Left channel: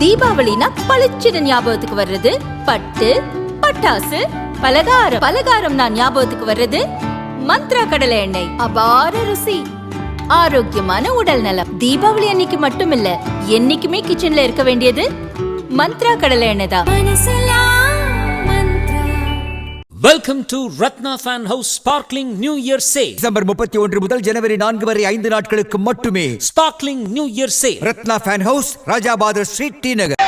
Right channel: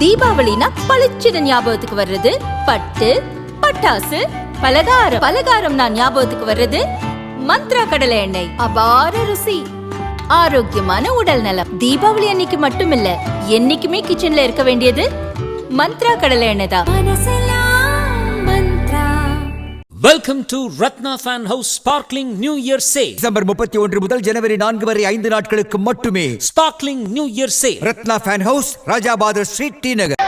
தீபாவளினா பளிச்சிட ஞாபகத்துக்கு வர்றது பட்டு, பட்டாசு, பலகாரம். பலகாரம்னா ஞாபகத்துக்கு வர்றது மந்த்ரா கடலை எண்ணெய். அபார ருசி, ஆரோக்கியமான உடல் நலம். தீபாவளி அன்னைக்கு மட்டும் இல்ல, என்னைக்குமே கிச்சன்ல இருக்க வேண்டியது மந்த்ரா கடலை எண்ணெய் தான். Welcome to Ratna Fan House Sparkling New Year Sale. December 31 முதல் ஜனவரி 4 வரை 5 நாட்களுக்கு மட்டுமே. Sparkling New Year Sale. Ratna Fan House, Rajabathar Street, T Nagar.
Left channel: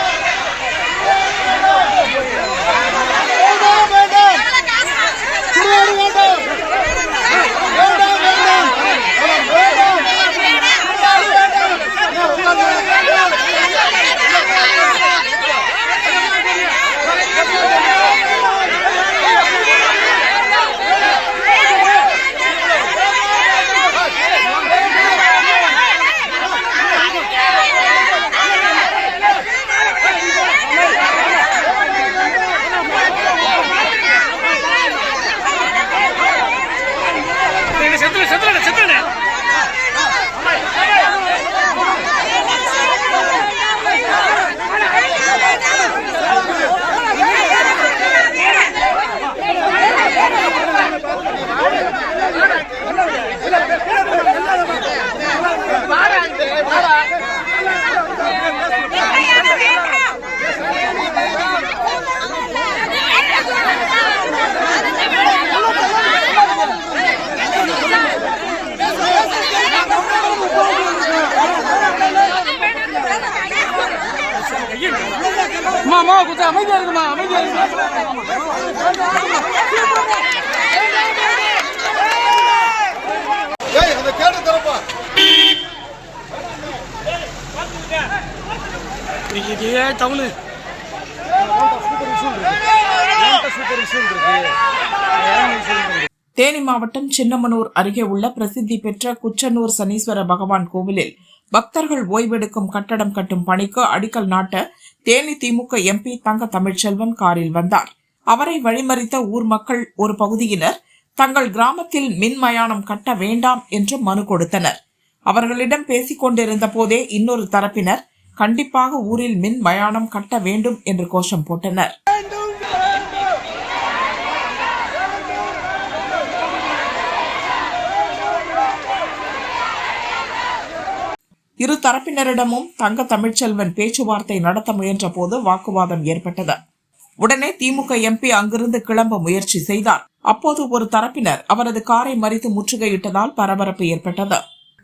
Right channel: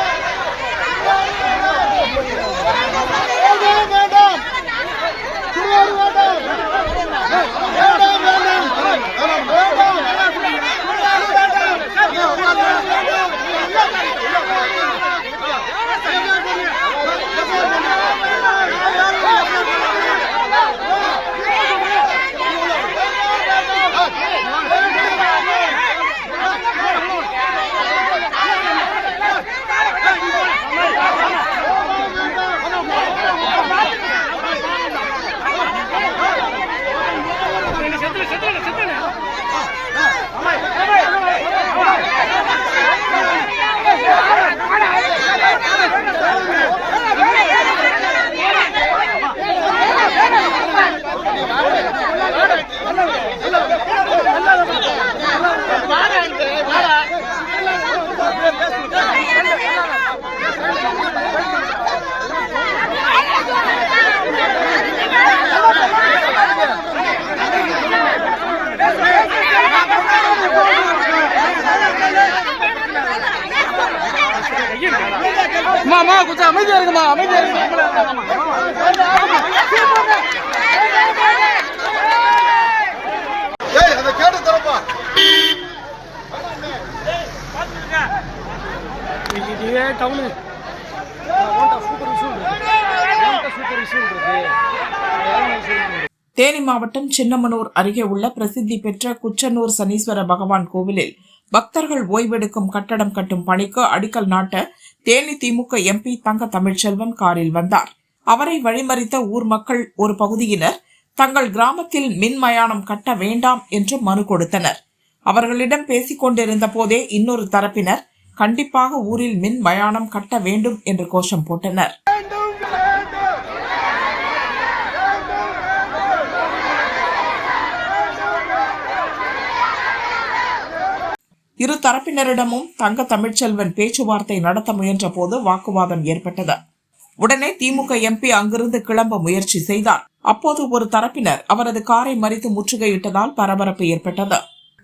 மாமா கொஞ்சம் அமைதியா இருக்குமா, அமைதியா இருக்கு. தேனி மாவட்டம் சின்னமனூர் அருகே உள்ள பிரசித்தி பெற்ற குச்சனூர் சனீஸ்வர பகவான் கோவிலில் பக்தர்கள் ஓய்வெடுக்கும் கட்டடம் கட்டும் பணிக்கு அடிக்கல் நாட்ட தேனி திமுக எம்பி தங்க தமிழ்ச்செல்வன் காரில் வந்தார். அவரை வழிமறித்த ஊர் மக்கள் ஒரு பகுதியினர் தங்கள் கிராமத்தில் மின் மயானம் கட்ட வேண்டாம் என்று மனு கொடுத்தனர். அவர்களிடம் பேசிக் கொண்டிருந்த போதே இன்னொரு தரப்பினர் கண்டிப்பாக ஊரில் மின் மயானம் கட்ட வேண்டும் என்று கோஷம் போட்டனர். இரு தரப்பினரிடமும் தங்க தமிழ்ச்செல்வன் பேச்சுவார்த்தை நடத்த முயன்ற போது வாக்குவாதம் ஏற்பட்டது. உடனே திமுக எம்பி அங்கிருந்து கிளம்ப முயற்சி செய்தார். அப்போது ஒரு தரப்பினர் அவரது காரை மறித்து முற்றுகையிட்டதால் பரபரப்பு ஏற்பட்டது.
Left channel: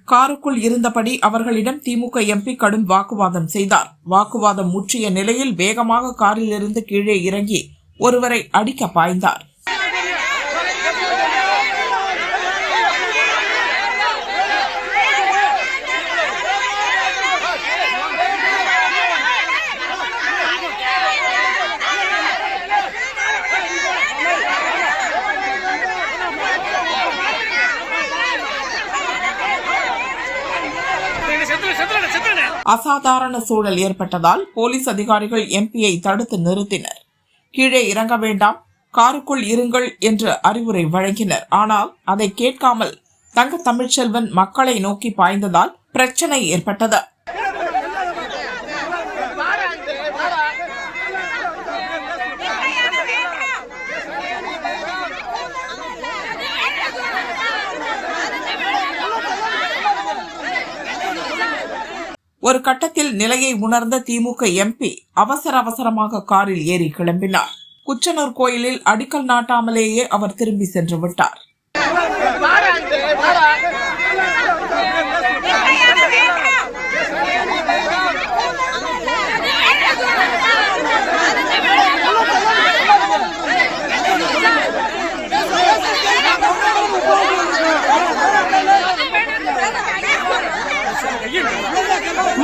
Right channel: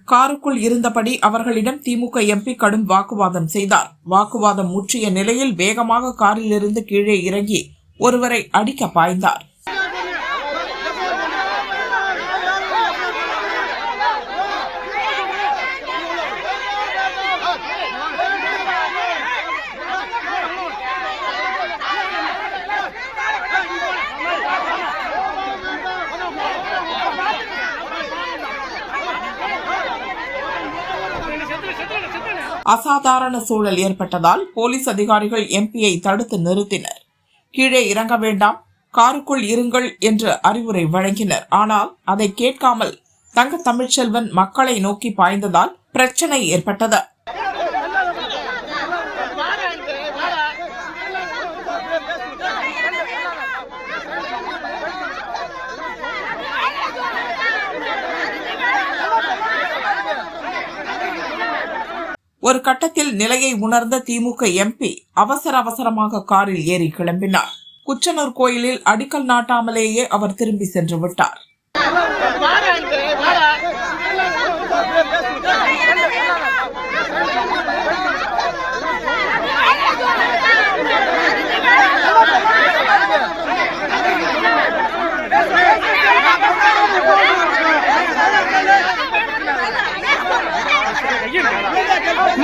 காருக்குள் இருந்தபடி அவர்களிடம் திமுக எம்பி கடும் வாக்குவாதம் செய்தார். வாக்குவாதம் முற்றிய நிலையில் வேகமாக காரிலிருந்து கீழே இறங்கி ஒருவரை அடிக்க பாய்ந்தார். அசாதாரண சூழல் ஏற்பட்டதால் போலீஸ் அதிகாரிகள் எம்பியை தடுத்து நிறுத்தினர். கீழே இறங்க வேண்டாம், காருக்குள் இருங்கள் என்று அறிவுரை வழங்கினர். ஆனால் அதை கேட்காமல் தங்க தமிழ்ச்செல்வன் மக்களை நோக்கி பாய்ந்ததால் பிரச்சனை ஏற்பட்டது. ஒரு கட்டத்தில் நிலையை உணர்ந்த திமுக எம்பி அவசரமாக காரில் ஏறி கிளம்பினார். குச்சனூர் கோயிலில் அடிக்கல் நாட்டாமலேயே அவர் திரும்பி சென்று விட்டார்.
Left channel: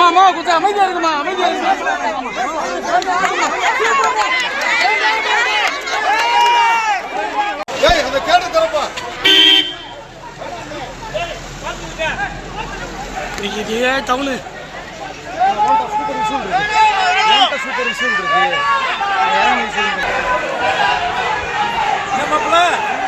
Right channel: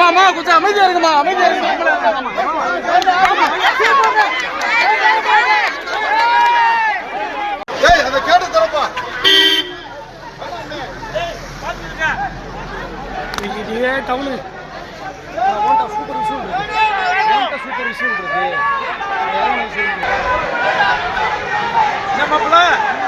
மாமா கொஞ்சம் அமைதியா இருக்குமா, அமைதியா இருக்கு. தமிழ் சூப்பர்